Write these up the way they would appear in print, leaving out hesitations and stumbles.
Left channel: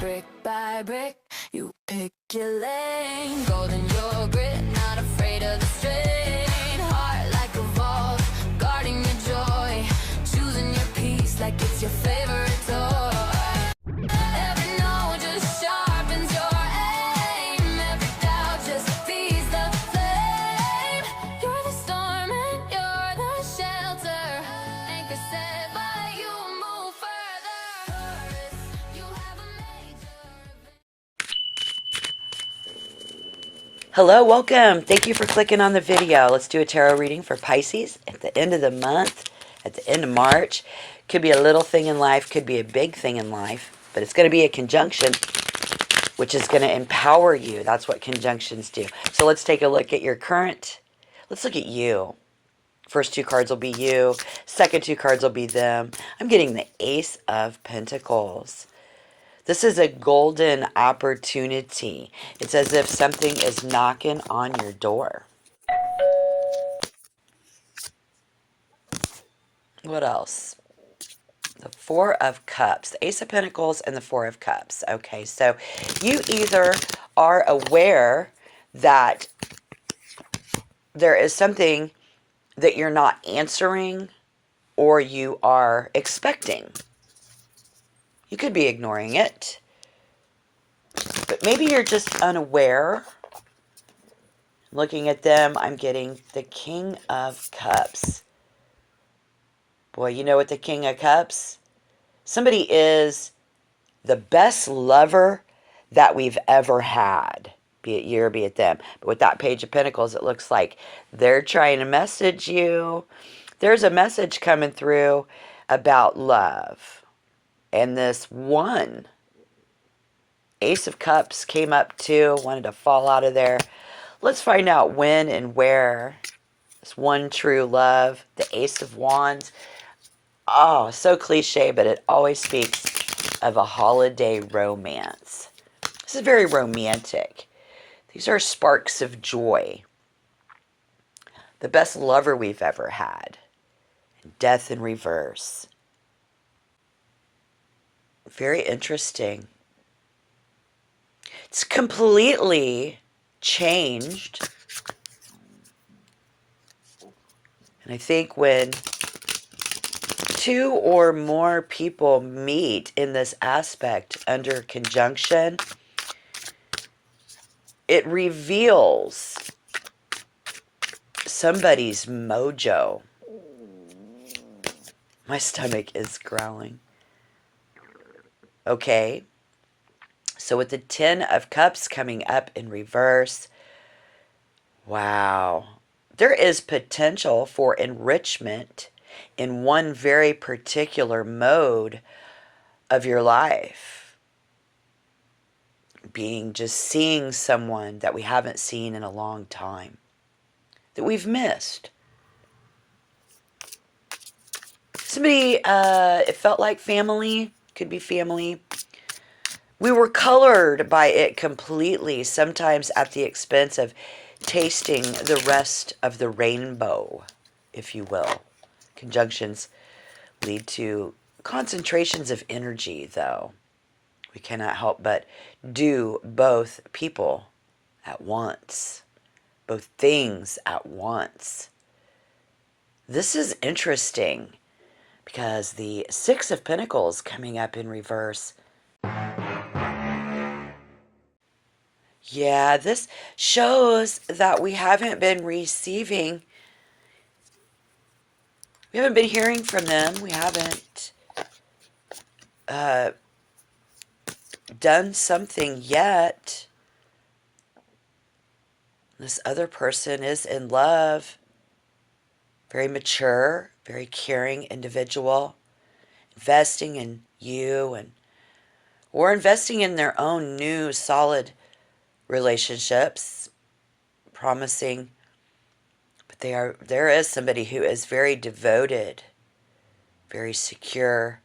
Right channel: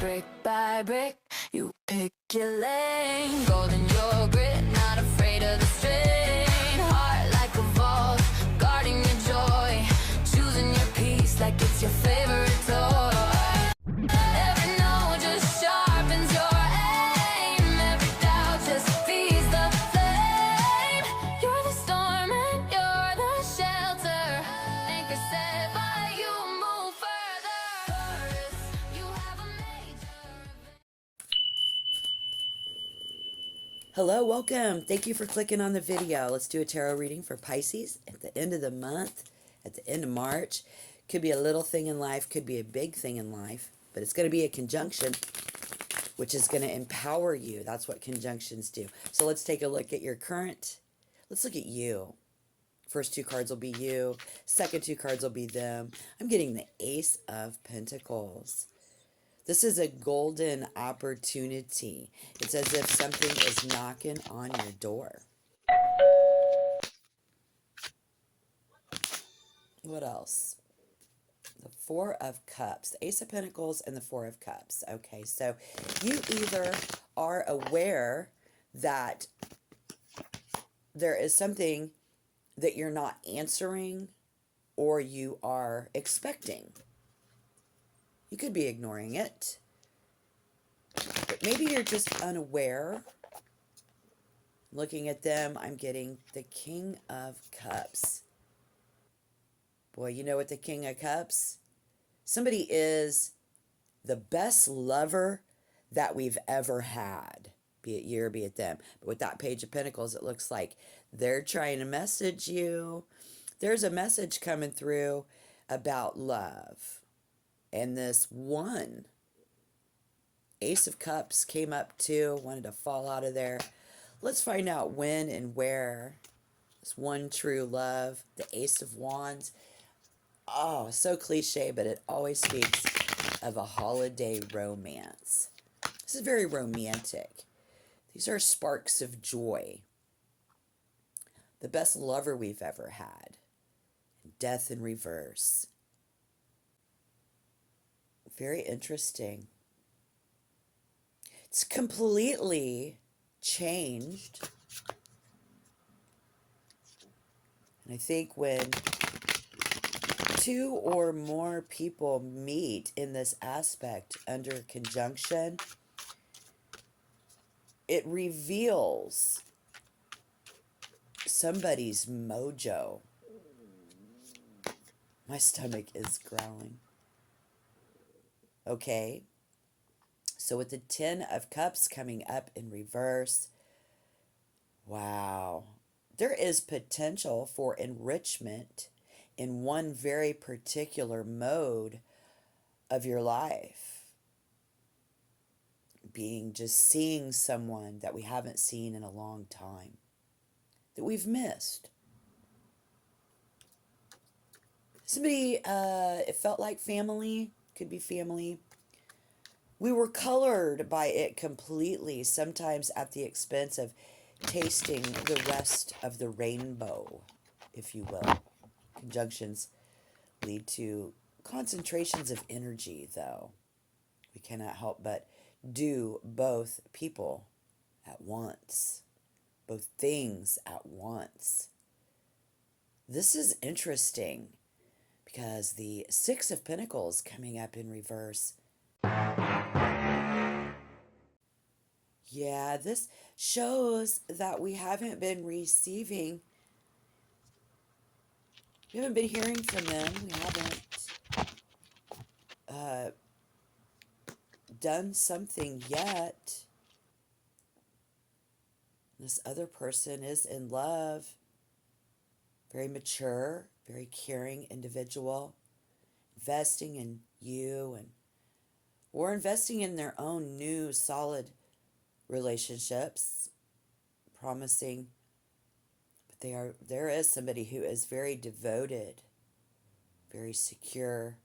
Brick by brick, you pick your lane. Golden yogurt, not afraid of the strain. Heart like a vault, guarding your joy. Choosing your peace like it's your favorite toy. Every no just sharpens your aim. Every doubt just feeds the flame. You're the storm and you're the shelter. Anchor set by you, move further. Taurus, you have a major event. Hello, welcome. Thank you for clicking on the video. Let's do a tarot reading for Pisces at the end of the month, at the end of March. Could be a little thing in life, could be a big thing in life, but it's going to be a conjunction, which is going to empower you. That's what conjunctions do. So let's take a look at your current. Let's look at you. First two cards will be you. Second two cards will be them. I'm getting the Ace of Pentacles. This is a golden opportunity. It's as if something is knocking on your door. What else? The Four of Cups, the Ace of Pentacles and the Four of Cups. Okay, so you either are aware that there is something that you're not answering or you are expecting. You could be ignoring it, but maybe you're just unaware. Looking at them, I'm getting the King of Cups. Boy, you know what the King of Cups? Somebody is the best lover that we've ever had. Be it you or be it them. But with that Page of Pentacles, it looks like they're trying to message you. There's a message coming through about love. And this one Ace of Cups came up too, wanted to fall out of there. Let's find out when and where. This one true love, the Ace of Wands. Oh, so cliche, but it always speaks of a holiday romance. This is very romantic. These are sparks of joy. The best lover we've ever had. Death in reverse. Very interesting. It's completely changed. And I think when two or more people meet in this aspect under conjunction, it reveals somebody's mojo. My stomach is growling. Okay. So with the Ten of Cups coming up in reverse, wow. There is potential for enrichment in one very particular mode of your life. Being just seeing someone that we haven't seen in a long time, that we've missed. Somebody, it felt like family, could be family. We were colored by it completely, sometimes at the expense of tasting the rest of the rainbow, if you will. Conjunctions lead to concentrations of energy, though. We cannot help but do both people at once, both things at once. This is interesting because the Six of Pentacles coming up in reverse. Yeah, this shows that we haven't been receiving. We haven't been hearing from them. We haven't done something yet. This other person is in love. Very mature, very caring individual. Investing in you or investing in their own new solid relationships. Promising. But there is somebody who is very devoted, very secure.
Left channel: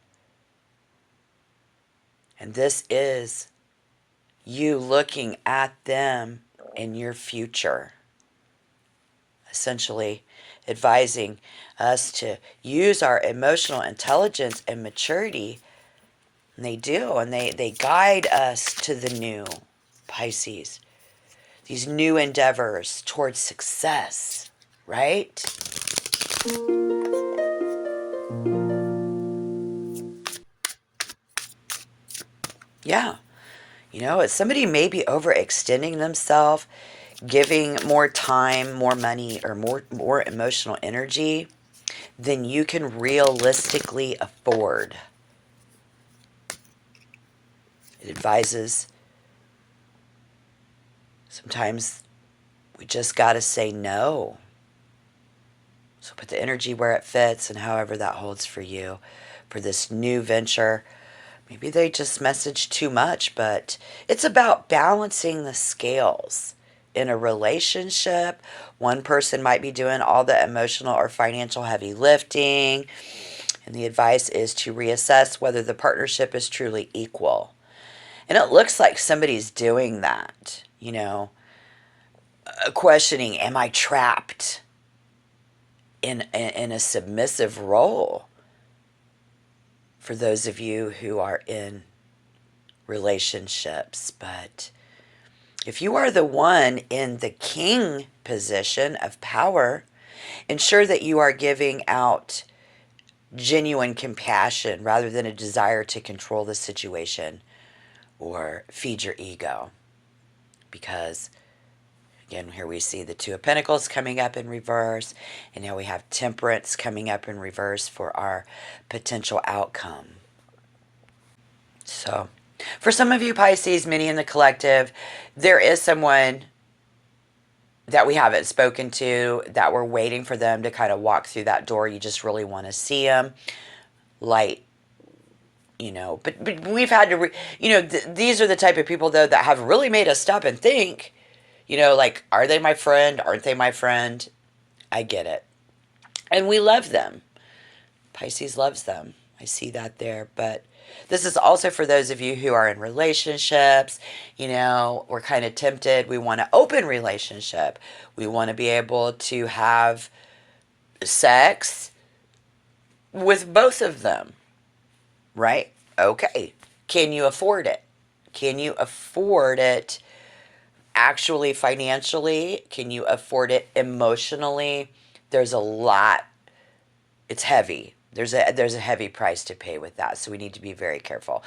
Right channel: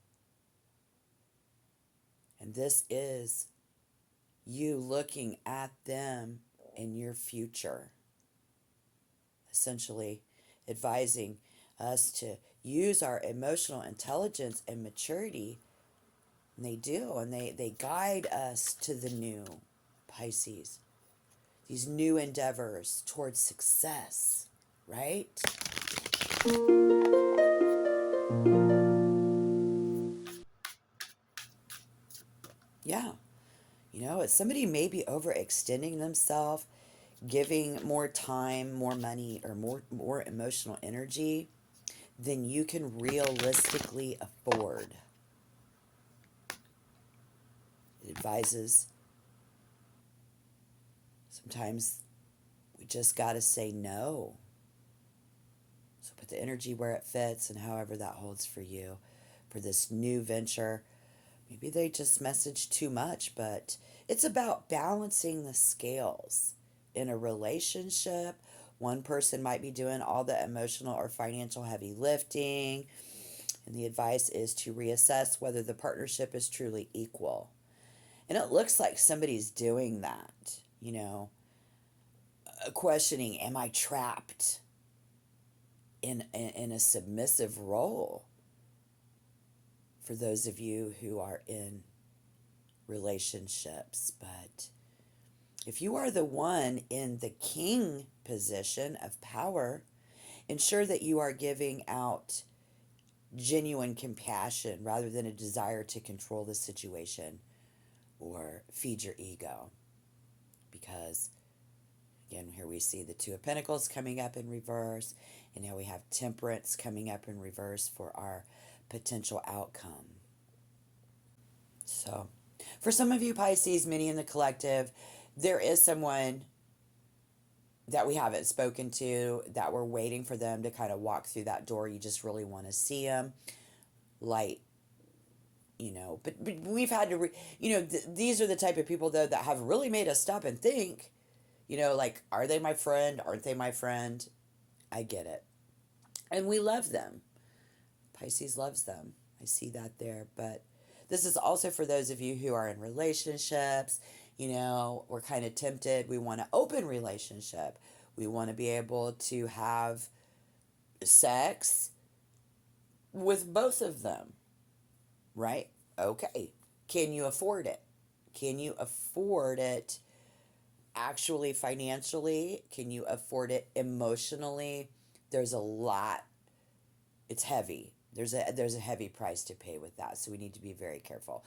And this is you looking at them in your future. Essentially advising us to use our emotional intelligence and maturity And they do, and they guide us to the new, Pisces. These new endeavors towards success, right? Yeah. Somebody may be overextending themselves, giving more time, more money, or more emotional energy than you can realistically afford. It advises sometimes we just got to say no. So put the energy where it fits and however that holds for you for this new venture. Maybe they just message too much, but it's about balancing the scales. In a relationship, one person might be doing all the emotional or financial heavy lifting, and the advice is to reassess whether the partnership is truly equal. And it looks like somebody's doing that, questioning, am I trapped in a submissive role? For those of you who are in relationships, but if you are the one in the king position of power, ensure that you are giving out genuine compassion rather than a desire to control the situation or feed your ego. Because, again, here we see the Two of Pentacles coming up in reverse, and now we have Temperance coming up in reverse for our potential outcome. So, for some of you Pisces, many in the collective, there is someone that we haven't spoken to, that we're waiting for them to kind of walk through that door. You just really want to see them. Light, but we've had to, these are the type of people, though, that have really made us stop and think, like, are they my friend? Aren't they my friend? I get it. And we love them. Pisces loves them. I see that there. But this is also for those of you who are in relationships. We're kind of tempted. We want an open relationship. We want to be able to have sex with both of them, right? Okay. Can you afford it? Can you afford it actually financially? Can you afford it emotionally? There's a lot. It's heavy. There's a heavy price to pay with that. So we need to be very careful.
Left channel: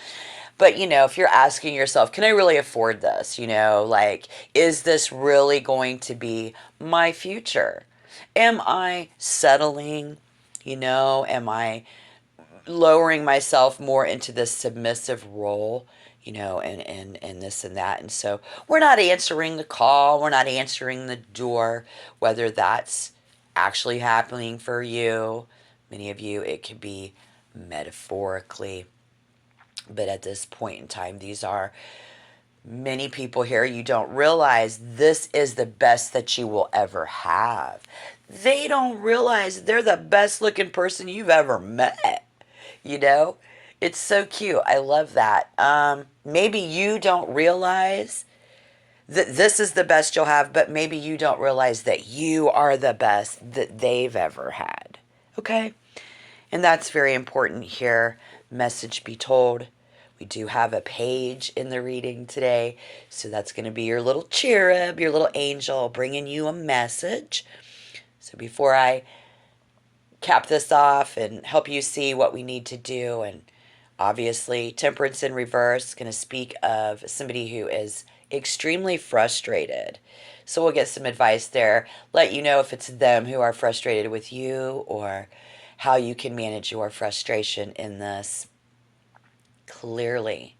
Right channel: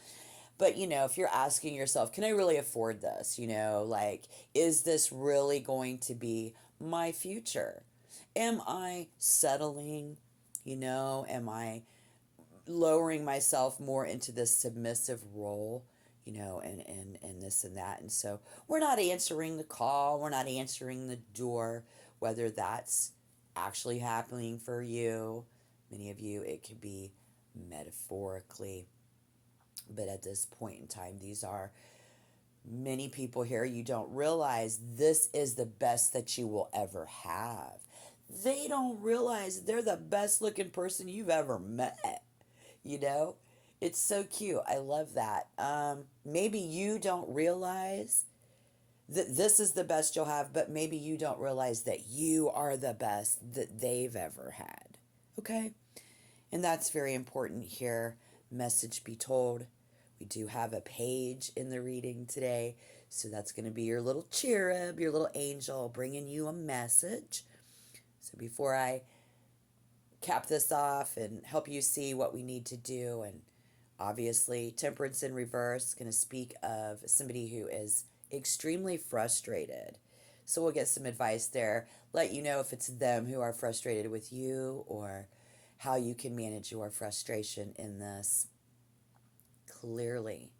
But, if you're asking yourself, can I really afford this? Like, is this really going to be my future? Am I settling? Am I lowering myself more into this submissive role? And this and that. And so we're not answering the call. We're not answering the door, whether that's actually happening for you. Many of you, it could be metaphorically. But at this point in time, these are many people here. You don't realize this is the best that you will ever have. They don't realize they're the best looking person you've ever met. It's so cute. I love that. Maybe you don't realize that this is the best you'll have, but maybe you don't realize that you are the best that they've ever had. Okay? And that's very important here. Message be told. We do have a page in the reading today. So that's going to be your little cherub, your little angel bringing you a message. So before I cap this off and help you see what we need to do, and obviously Temperance in reverse, going to speak of somebody who is extremely frustrated. So we'll get some advice there, let you know if it's them who are frustrated with you or how you can manage your frustration in this. Clearly,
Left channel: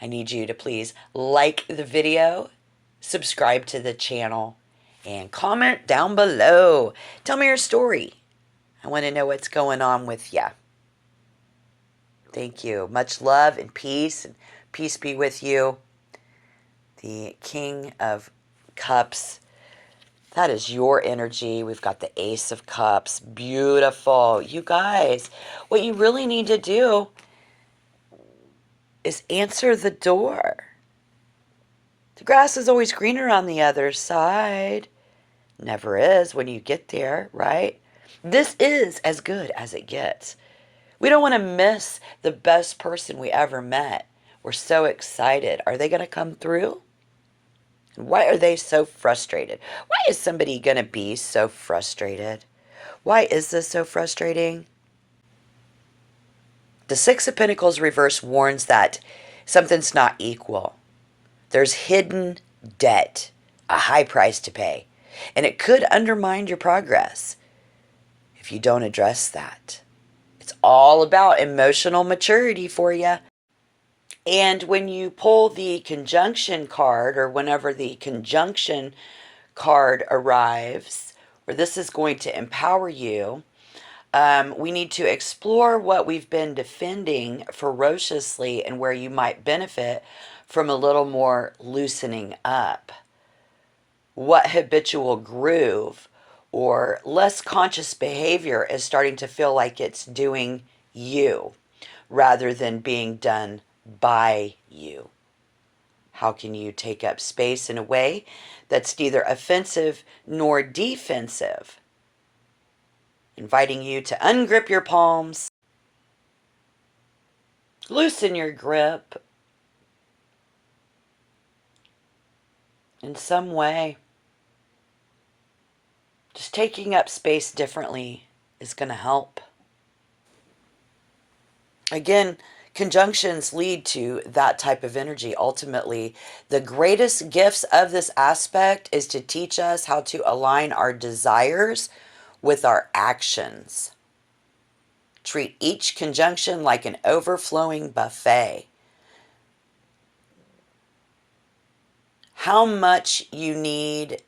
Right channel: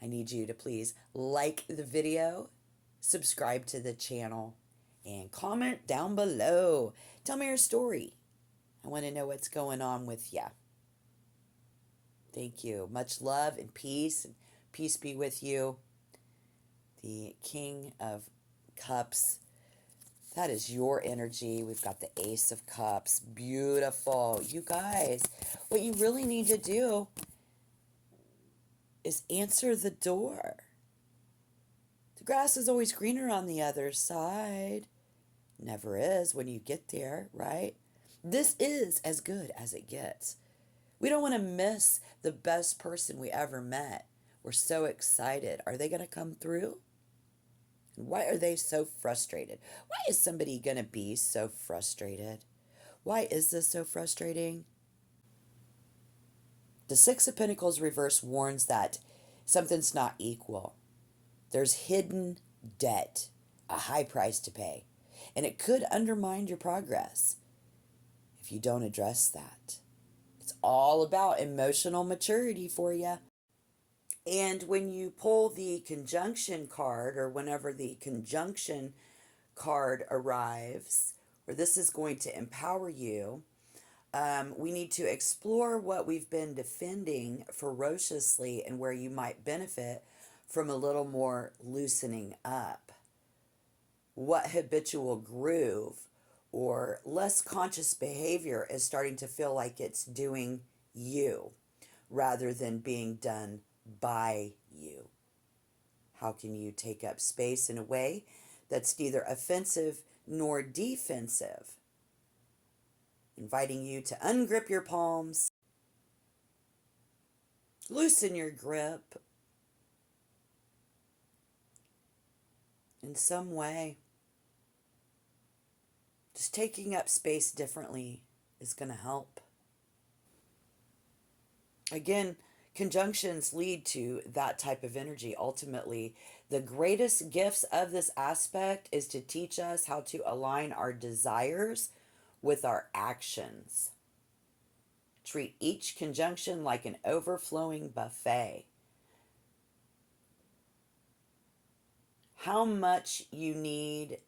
I need you to please like the video, subscribe to the channel, and comment down below. Tell me your story. I want to know what's going on with you. Thank you. Much love and peace be with you. The King of Cups, that is your energy. We've got the Ace of Cups. Beautiful. You guys, what you really need to do is answer the door. The grass is always greener on the other side. Never is when you get there, right? This is as good as it gets. We don't want to miss the best person we ever met. We're so excited. Are they going to come through? Why are they so frustrated? Why is somebody going to be so frustrated? Why is this so frustrating? The Six of Pentacles reverse warns that something's not equal. There's hidden debt, a high price to pay, and it could undermine your progress if you don't address that. It's all about emotional maturity for you. And when you pull the conjunction card, or whenever the conjunction card arrives, or this is going to empower you, we need to explore what we've been defending ferociously and where you might benefit from a little more loosening up. What habitual groove or less conscious behavior is starting to feel like it's doing you rather than being done by you? How can you take up space in a way that's neither offensive nor defensive? Inviting you to ungrip your palms, loosen your grip in some way. Just taking up space differently is going to help. Again, conjunctions lead to that type of energy. Ultimately, the greatest gifts of this aspect is to teach us how to align our desires with our actions. Treat each conjunction like an overflowing buffet. How much you need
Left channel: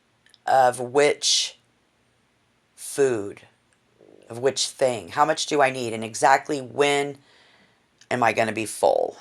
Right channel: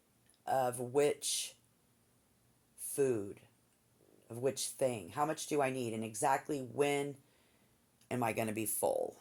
of which food, of which thing? How much do I need? And exactly when am I going to be full?